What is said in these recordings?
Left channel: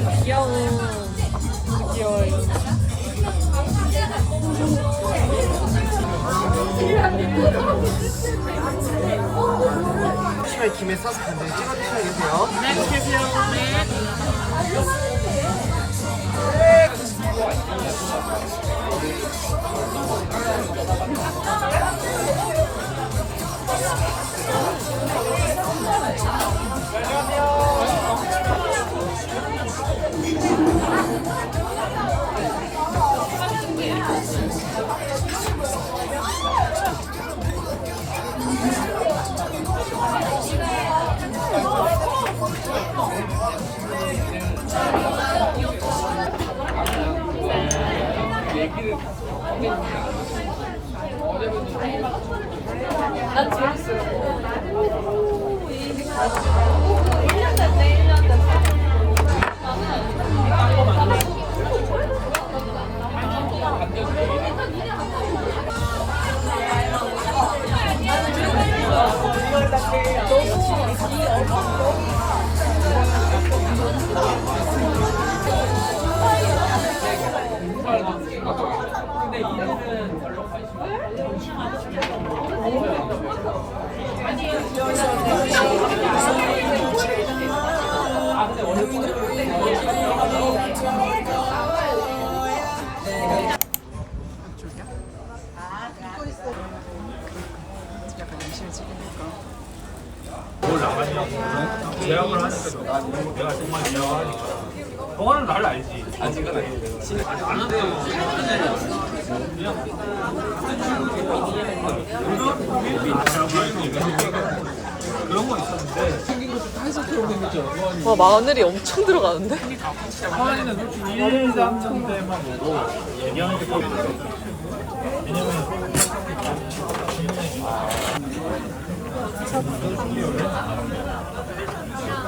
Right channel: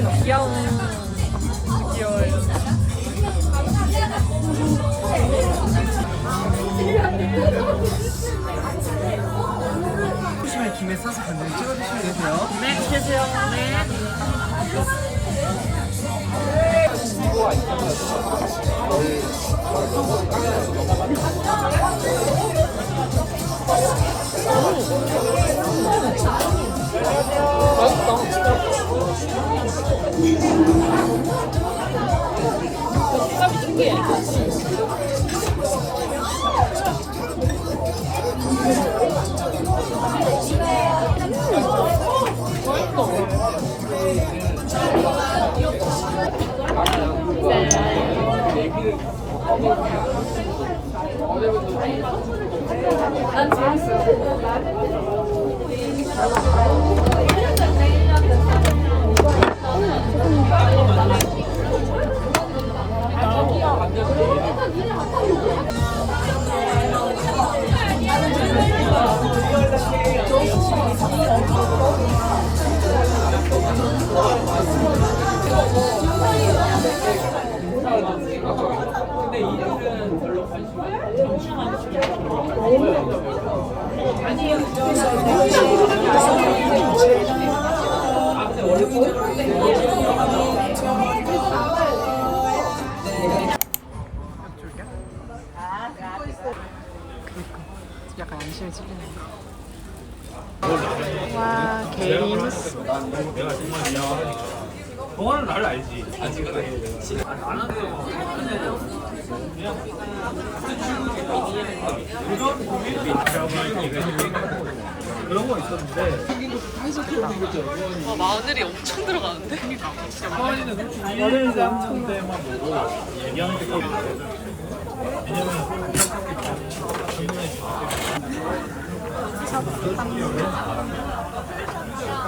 너무 귀여워. 귀여워요. 김에 싸서 간장 찍어 드셔야겠어요. 네, 드세요. 네. 줄게. じゃあ。 그런 거 있었는데 생긴 것도 다 해석해오는 거죠. 와, 마늘이 엄청 들어가는데? 서한이는 솔직히 1, 3년 때만 보고 얘기하는 게 거의 있어요. 왜냐면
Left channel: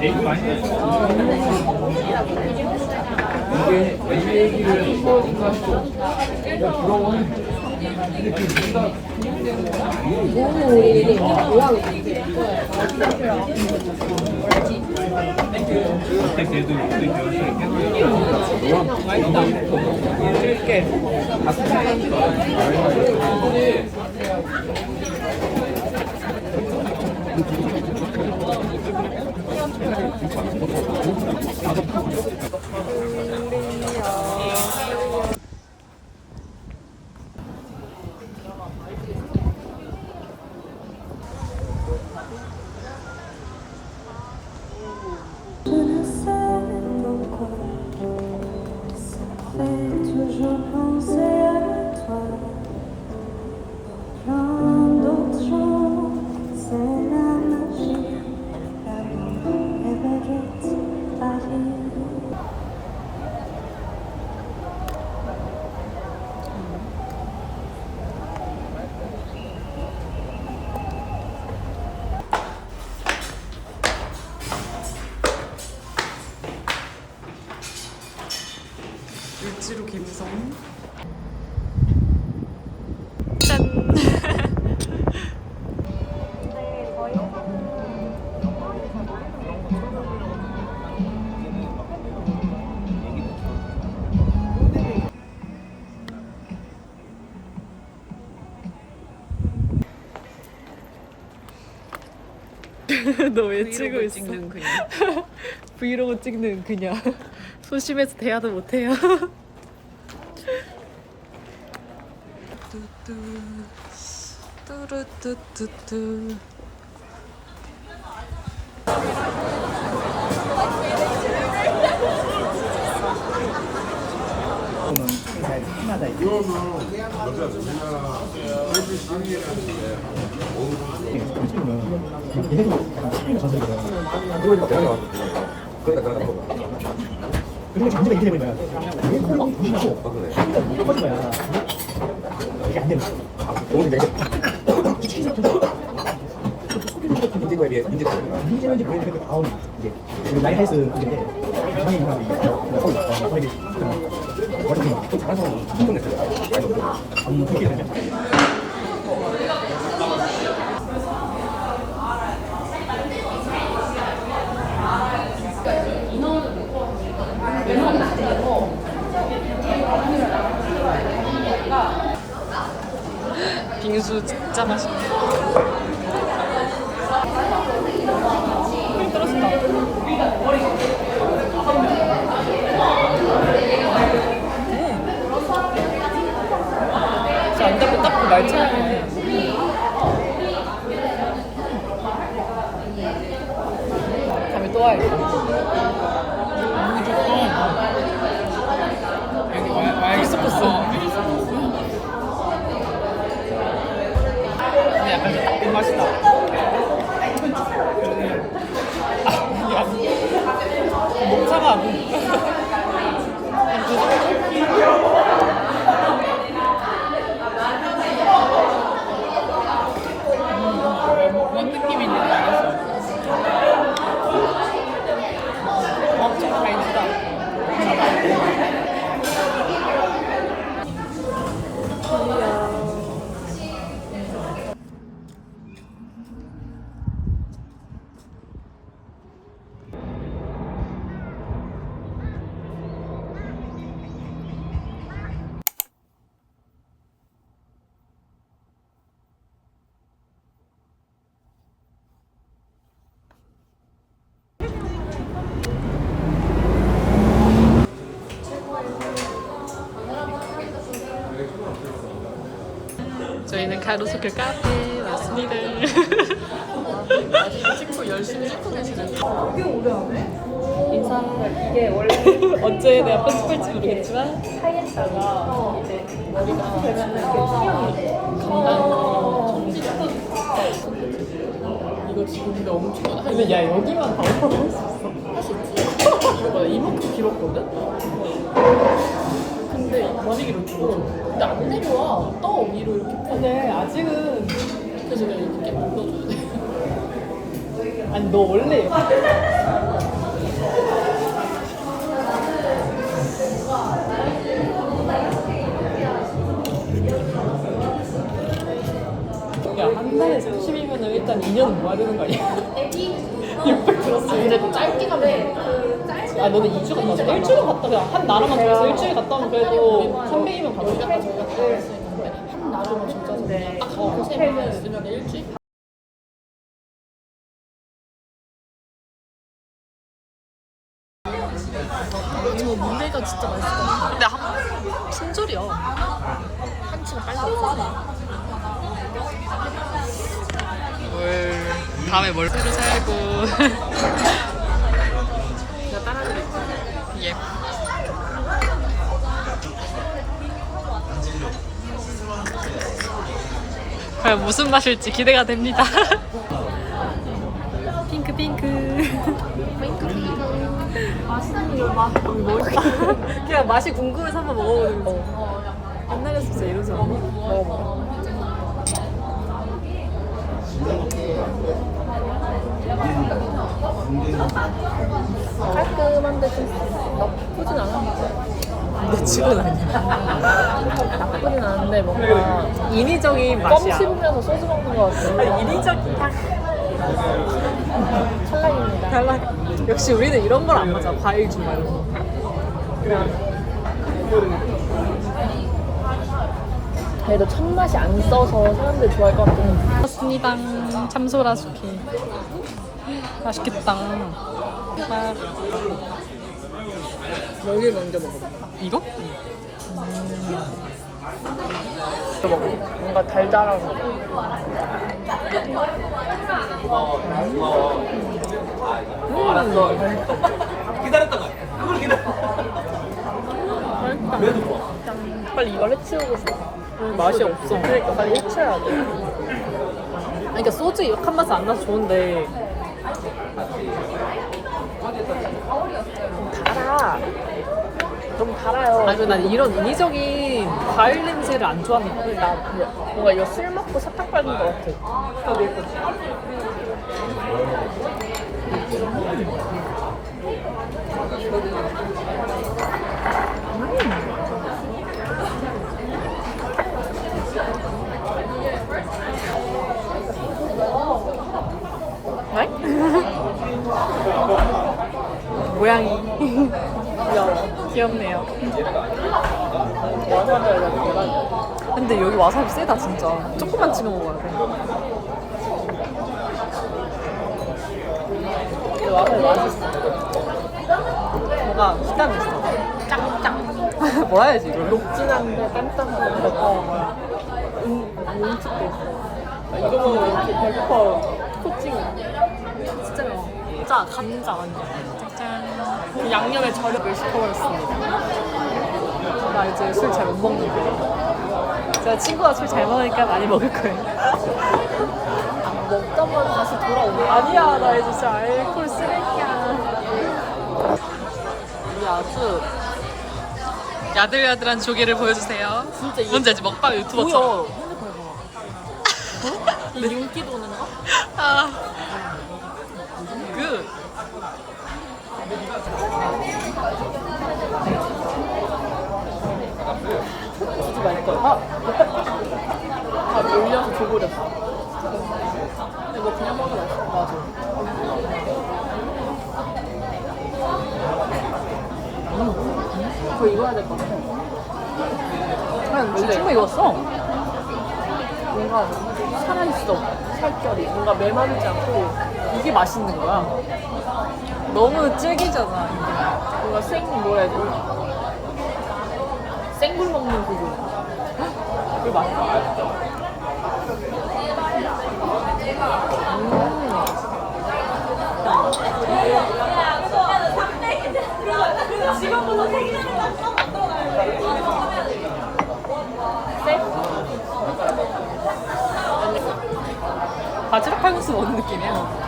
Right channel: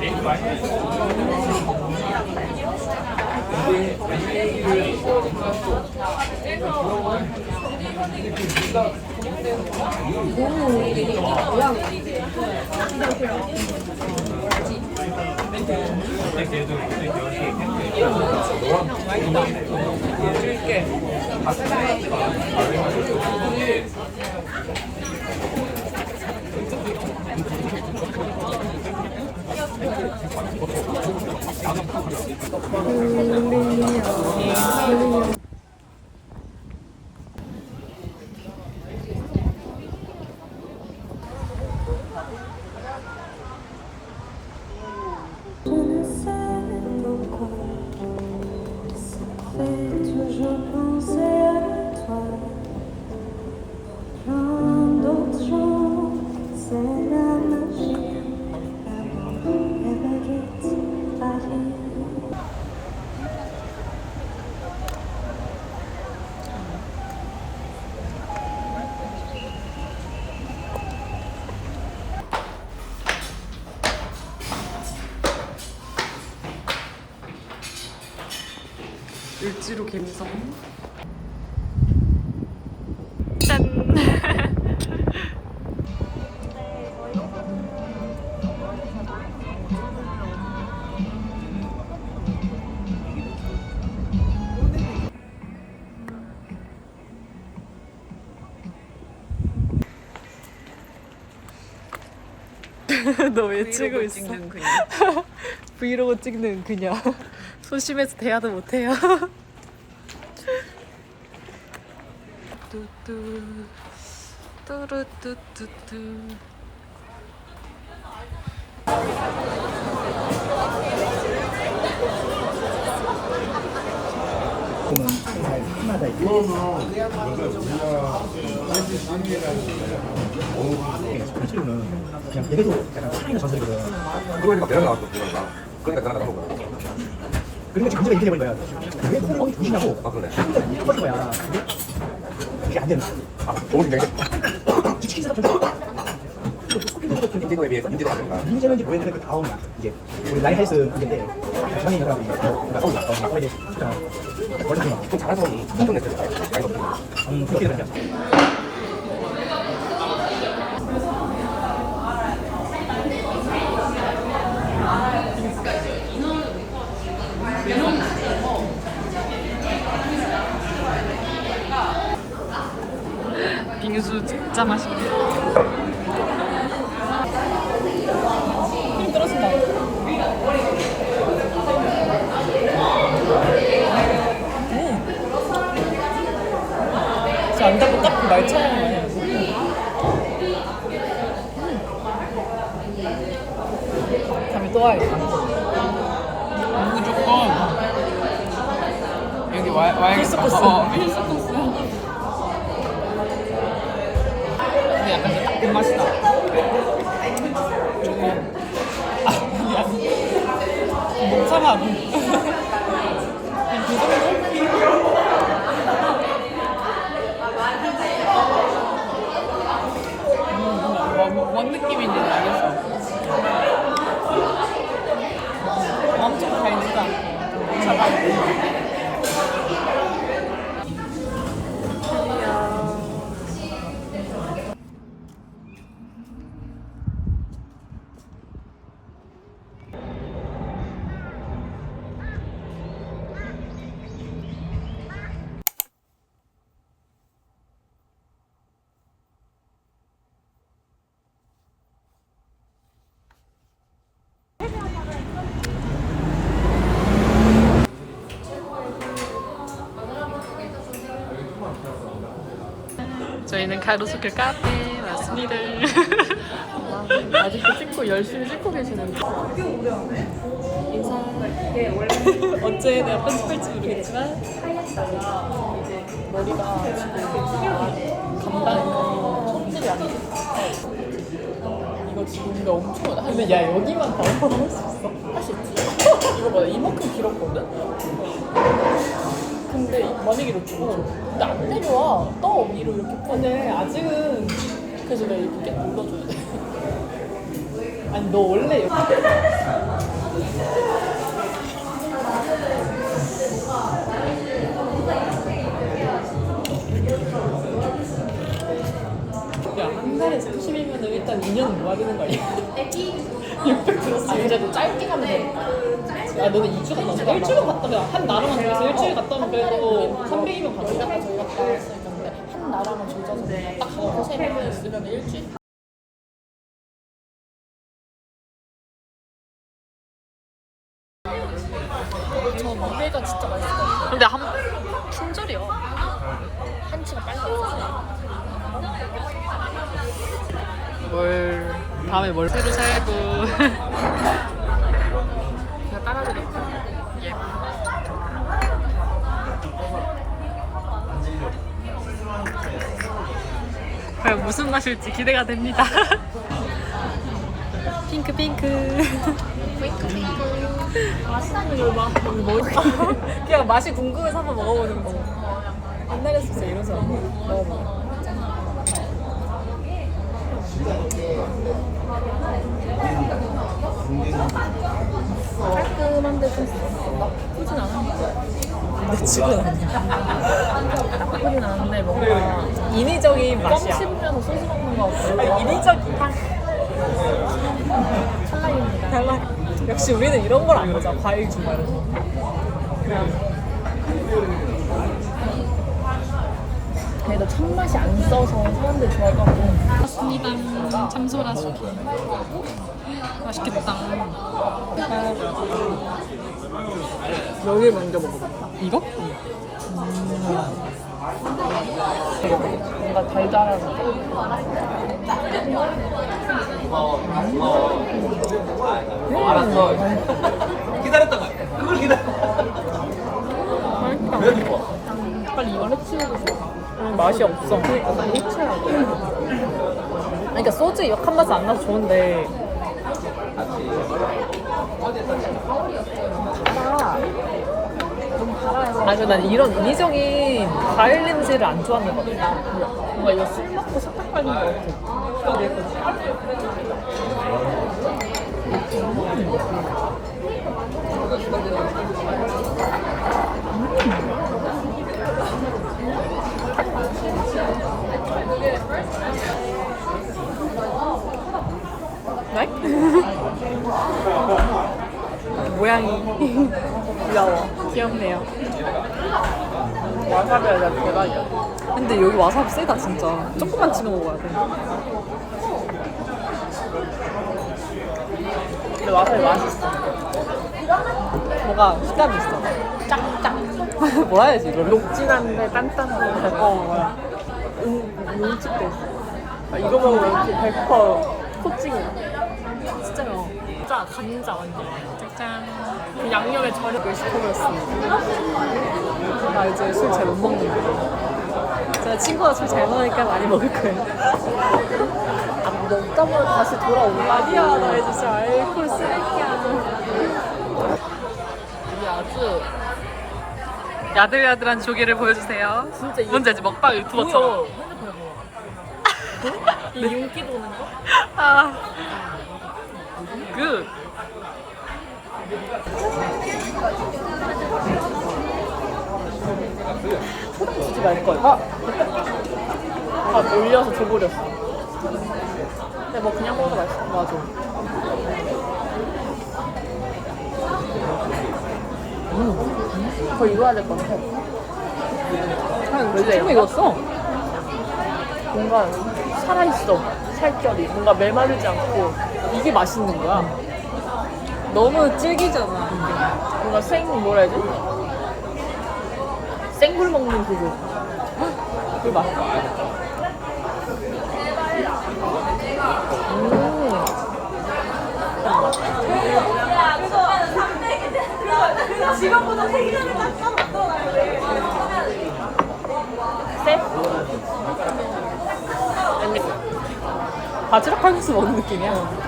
얘기 많이 했어. 그때 걔도 그때 걔한테 줄게. 을지로 갬성. 짠. 너왜 찍고 있어? 브이로그 찍는 그녀. 소심해서 대화도 못해요. 뚜뚜 뚜루뚜뚜뚜 그냥 얘네도 약간 차이가 전설이거든. 이걸 막 내려놔. 그러니까 다 나가고. 그리고 지금 문제가 이렇게 돼버린 거야. 왜 콜라 막 조심하고 이거 꺼진 거야. 이게 안 되는 거야. 너무 굉장히 기치킨 생각 문제 거에 비해서 문제는 이제 보여드리는 그 다음이야. 이제 헬스 문제인데 뭐라고 이게 거기 있어. 거기 진짜 원래 그 잘해서. 음 그렇게 되는 거야. 빙수 진짜 맛있네. 힘 떨어진다. 진짜 안 잡고 딱 그 말차는 거야. 다음에 또 와야겠다. 무조건 여기 와, 와야 필수 코스. 근데 약간 좀 나쁜 맛이다. 아, 미안. 못 참아. 그 저희는 가로수길 카페에 왔습니다. 찍고 열심히 찍고 계시는 인사. 언제 내가 편집할지 모르겠지만 머리가 감당 손질이 안 돼. 이거 지금 근데 엄청 한 근데 야 여기만 다 오퍼를 할 수 있어? 할 수 있지. 이거 뭐야 이만큼 길었거든? 근데 많이 길었고 근데 안 내려와. 떠 위로 이렇게 근데 아직은 그래서 내가 이렇게 눌러줘야 돼. 아니 너 원래 야한 달에 30이면 일단 2년은 모아야 되는 거 아니야? 600 들었어. 아 짧게 가면 돼 아 너는 2주 갔다 왔어? 일주일 갔다 그냥 한 나라만 정해서 일주일 갔다 오면 그래도 300이면 가져가. 내가 저희가 다 있는데 한 나라만 조져서 그냥 딱 하고 세번 있으면 일주일 저 문제가 진짜 맛있어 근데 한 신절이야. 한치가 빨갛지 뭘 다음에 뭘 새로 살고. 과연 무슨 맛일지 기대가 됩니다. 핑크 핑크. 맛있는 걸 봐. 여기 뭐 있어? 그냥 맛이 궁금해서 한번 먹어보는 거지. 옛날에 진짜 이러지 않나? 나쁘진 않아. 근데 죽은 아니야. 나쁘진 않은데 뭔가 인위적인 껌 맛이야. 씹으면서 소주 먹는 것 같아. 아니 인위적인 향. 달라. 역시 우리는 이런 걸 안 맞아. 과일 주마 이런 거. 그래도 첫맛이 안 써서 사람들이 좋아할 것 같아. 맞습니다. 참소라 숙회. 맛있겠다. 여기 먼저 먹어봐. 이거? 뭔가 달달하고. 맛있다. 빨리 이걸 해치우고 싶어. 음, 맛이 없어. 그러니까 해쳐야 돼. 아니, 그러니까 소주 역한 맛은 안 나서 좋은데. 너무 달 아니, 난 이런 인위적인 과일 냄새를 안 좋아하는 것 같아. 뭔가 이거 술 먹고 사탕 밟은 것 같아. 네? 모양이 귀엽네요. 근데 여기 와사비 세다 진짜. 조금만 찍어 먹어야 돼. 뭐가 식감이 있어. 짱짱. 뭐라 해야지 이거를? 진한데 땅땅한 어 뭐야. 음식도. 이거 먹으면 이렇게 100% 코칭이. 진짜요. 진짜 감자 완전. 짠. 그 양념에 절여고 싶어버렸습니다. 나 이제 술 잘 못 먹는데. 제가 친구가 술 잘 먹으니까 많이 먹을 거예요. 먹다 보면 다시 돌아오는 거 아니야, 나 이제 진짜 알코올 쓰레기야. 이게 아주 야들야들한 조개를 보여주세요. 진짜 이거 뭔지 알지? 먹방 유튜버처럼. 뭐야? 핸드폰에 봐봐. 이 윤기 도는 거? 아. 굿. 주지 말걸. 아, 아, 올려서 줘버렸어. 근데 뭐 그냥 먹어도 맛있어. 맞아. 더 익어야 될 것 같아. 한 충분히 익었어. 뭔가 살아있어. 살결이. 뭔가 메마르지 않고. 이게 맛있는 거야. 너무 질기잖아. 뭔가 생, 뭐라 해야 되지? 생굴 먹는 그거. 그 맛있어. 바지락 칼국수 먹는 느낌이야.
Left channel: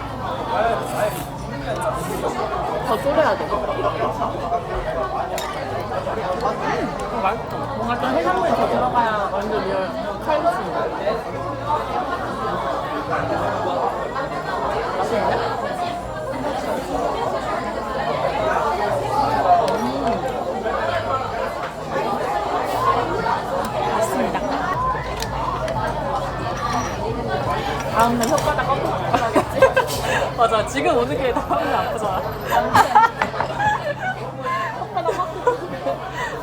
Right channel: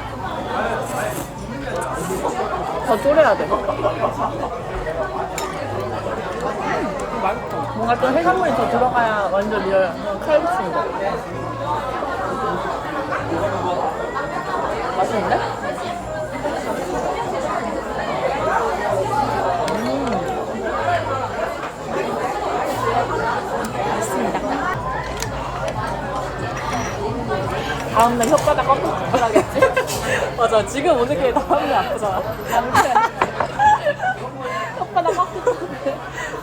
더 졸여야 돼. 음, 맛있어. 뭔가 좀 해산물이 더 들어가야 완전 리얼 칼국수. 맛있는데? 맞습니다. 다음에 혓바닥 꺾고 나가겠지? 맞아. 지금 오는 게 다음날 아프잖아.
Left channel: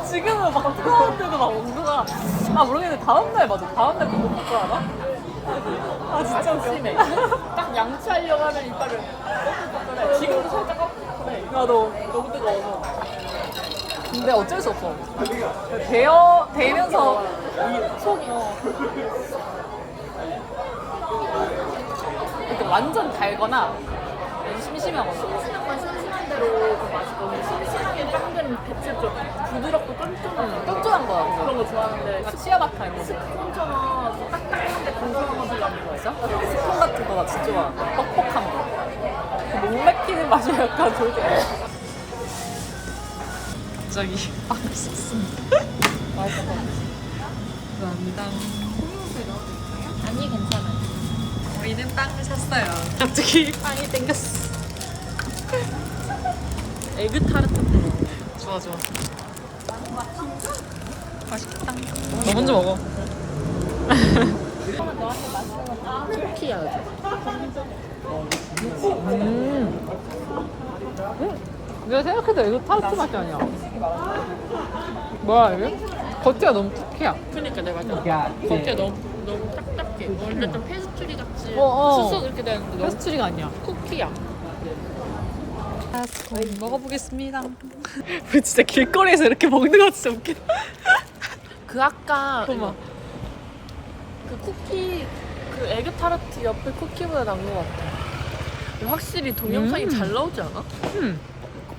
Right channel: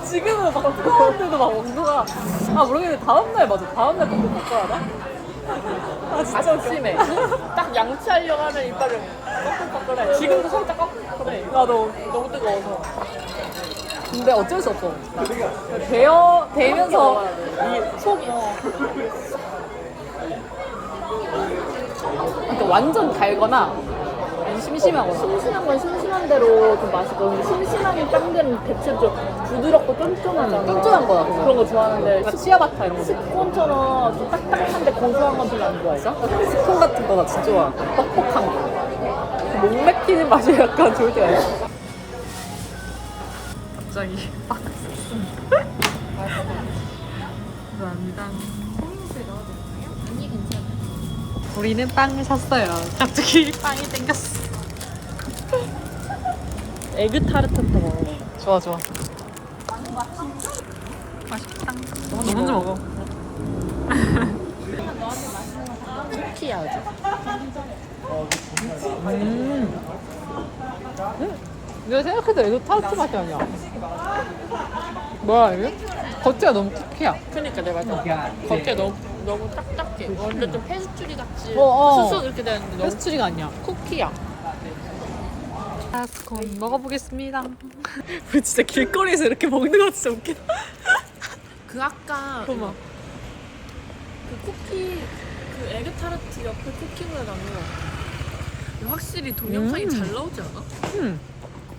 지금은 막 뜨거운데도 막 온도가 아 모르겠는데 다음날 맞아. 다음날 그거 먹고 하나? 아 진짜 웃겨. 심해. 딱 양치하려고 하면 이빨을. 지금도 살짝 그래. 나도 너무 뜨거워서. 근데 어쩔 수 없어. 대어 대면서 속이 어. 그러니까 완전 달거나 아니 심심하거나. 심심한 건 심심한 대로 좀 맛있고 근데 심심하게 짱된 대체로 좀 부드럽고 쫀쫀한 응, 쫀쫀한 거야 그런 그거. 거 좋아하는데 그러니까 치아바타 이런 거. 스콘처럼 좀 딱딱한데 고소한 건 별로 안 좋아해. 진짜? 스콘 같은 거 나 진짜 좋아. 뻑뻑한 거. 그목 맥히는 맛이 약간 좋을 때가 있어. 갑자기 빵을 샀습니다. 감사합니다. 아니 괜찮아. 우리는 빵 샀어요. 갑자기 빵이 땡겼어. 에그 타르트처럼. 좋아 좋아. 맛있겠다. 너 먼저 먹어. 쿠키야지. 음. 음. 내가 생각해도 이거 타르트 맛이 아니야. 뭐야 이게? 겉에가 너무 쿠키야. 그러니까 내가 맞아. 겉에 너무 너무 딱딱해. 완전 좀 페스츄리 같이 어, 어. 수수 이렇게 되는데 페스츄리가 아니야. 쿠키야. 아스콘 먹어보겠습니다. 우리 진짜 길거리에서 이렇게 먹는 거 진짜 웃기다. 그 아까 봐봐. 그 쿠키 그 에그 타르트 옆에 쿠키보다 나은 것 같아. 확실히 동영상이 음. 잘 나오지 않아? 음.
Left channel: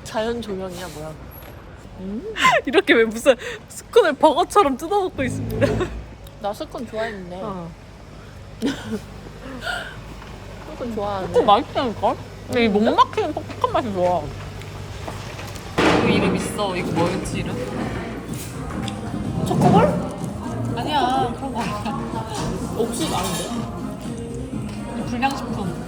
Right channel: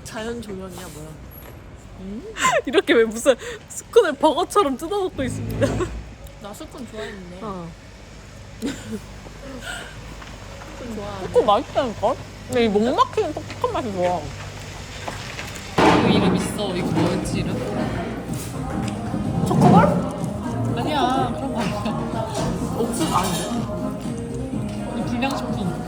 자연 조명이야 뭐야? 이렇게 왜 무슨 스콘을 버거처럼 뜯어먹고 있습니다. 나 스콘 좋아했는데. 어. 스콘 좋아하는데. 스콘 맛있다니까? 근데 이 목 막히는 퍽퍽한 맛이 좋아. 그 이름 있어. 이거 뭐였지 이름? 초코볼? 아니야 그런 거 아니야. 옥수수 아닌데? 이 불량식품.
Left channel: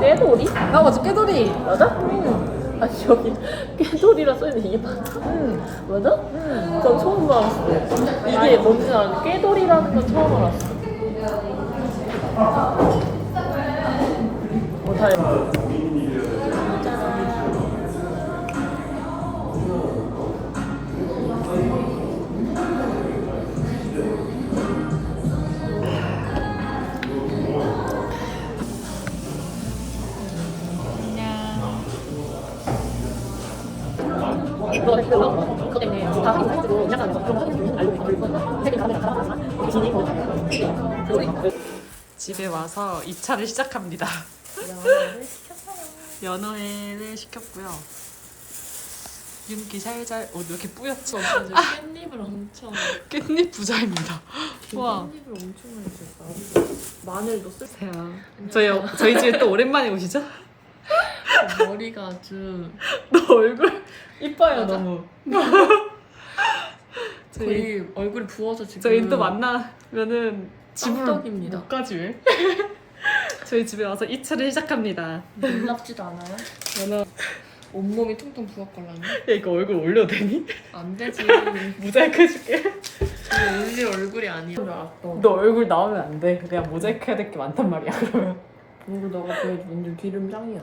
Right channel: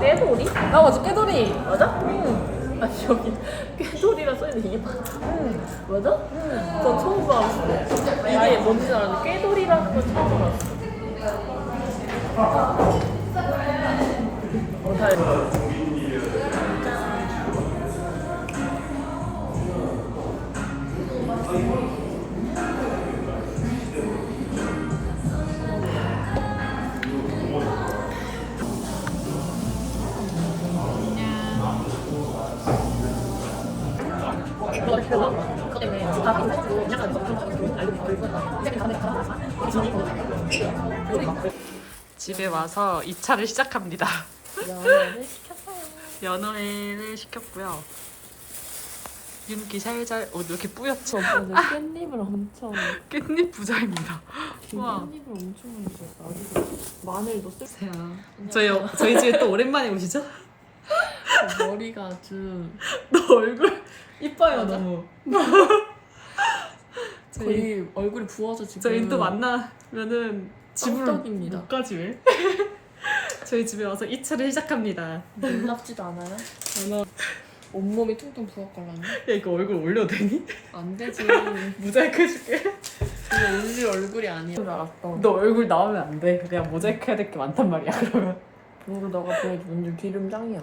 깨돌이? 아 맞아 깨돌이. 맞아? 응. 여기 깨돌이라 써있는 이게 맞아? 응. 맞아? 응. 저 처음 봤어. 아예 뭔지 알았는데 깨돌이라는 건 처음 알았어. 이 거 그거 때문에 다 인사드리고 약간 좀 하고 알고 되게 다음에 가라. 진이 뭐. 집에 와서 2차를 시작합니다. 연어회를 시켰고요. 윤기 살살 어 이렇게 뿌옇죠? 깻잎을 엄청 깻잎 부자입니다. 깻잎을 엄청 썼어. 마늘도 쓸. 세요. 저희 어- 저희 집에 또 오랜만에 오시죠? 머리가 아주 너 얼굴 이뻐요 맞아? 너무. 저희 거의 얼굴이 부어서 지금. 저희 또 만나면은 집으로 깜떡입니다. 못 가지 왜? 저희 집에 와서 2차를 시작합니다. 놀랍지도 않아요? 저는 온몸이 퉁퉁 부었걸랑요? 야 이거 얼굴 올려도 되니? 안 되지. 모자이크 해줄게. 그게 올릴 얼굴이 아니야. 알았어. 너 얼굴 나오면 안 돼. 그냥 모자이크 해야 될 게 많단 말이야 그러면. 그리고 너가 보여준 완전 기름 짱이야.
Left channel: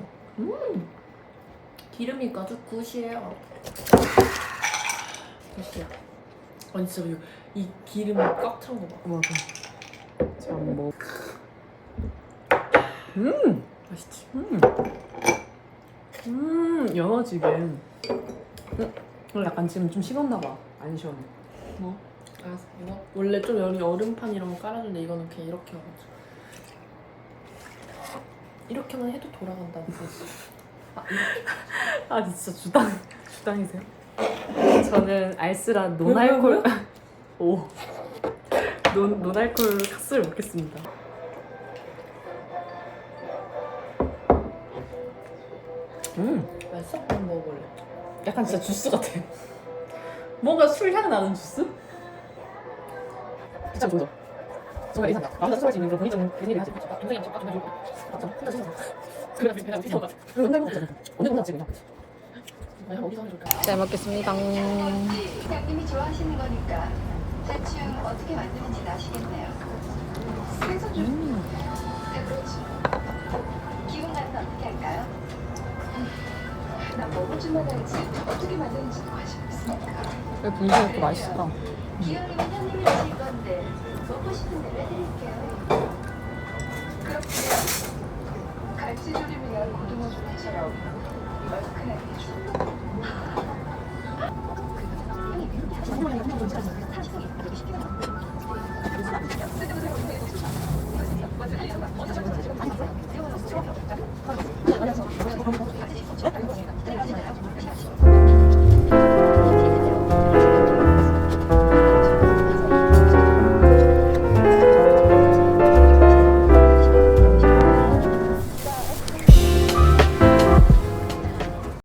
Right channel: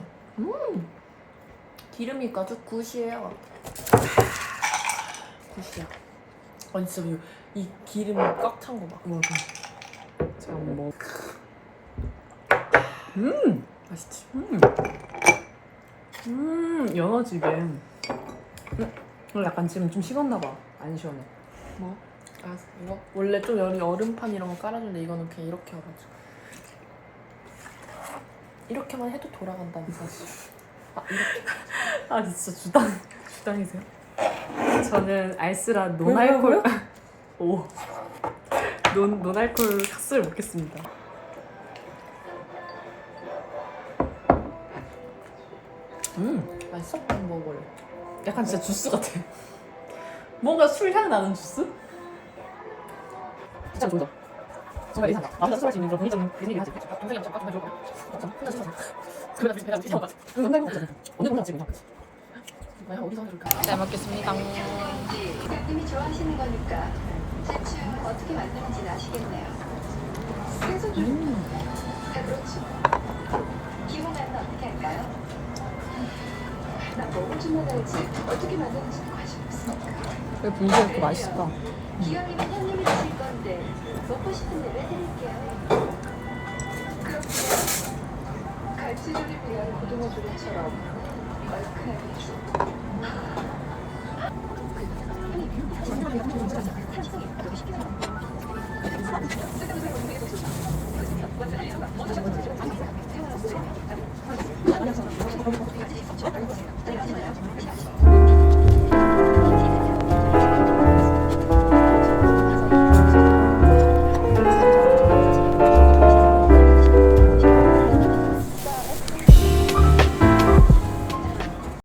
음. 기름이 아주 굿이에요. 굿이야. 아니 진짜 이, 이 기름이 꽉 찬 거 봐. 맞아. 참 뭐. 음, 맛있지? 음, 음, 연어지게. 음, 오늘 약간 지금 좀 식었나 봐. 안 시원해. 뭐? 알았어. 이거 원래 좀 여기 얼음판 이런 거 깔아주는데 이거는 그냥 이렇게 해가지고. 이렇게만 해도 돌아간다는 사실. 아. 아 진짜 주당 주당이세요? 저는 알스라 노알콜 오. 논, 논알콜 카스를 먹겠습니다. 음, 맛있어? 한번 먹어볼래. 약간 진짜 주스 같아. 뭔가 술향 나는 주스? 진짜 좋죠. 정말 이상하다. 나 혼자 술할 수 있는 그런 분위기 그런 얘기 하지. 동생이랑 잠깐 좀. 맞아. 혼자 씻어서. 잘 먹겠습니다. 부장님이 좋아하시는 거니까 대충 어떻게 만드는지 아시겠네요. 생선 좀다 그렇죠. 기분 간은 어떻게 할까요? 나 먹을 줄만 알지 어떻게 만드는지는 관심 없으니까. 왜 분식이 이렇게 맛있다. 기현님은 형님이 드실 건데 먹고 싶은 대로 해드릴게요. 고등어 조림처럼 얼큰하게 주.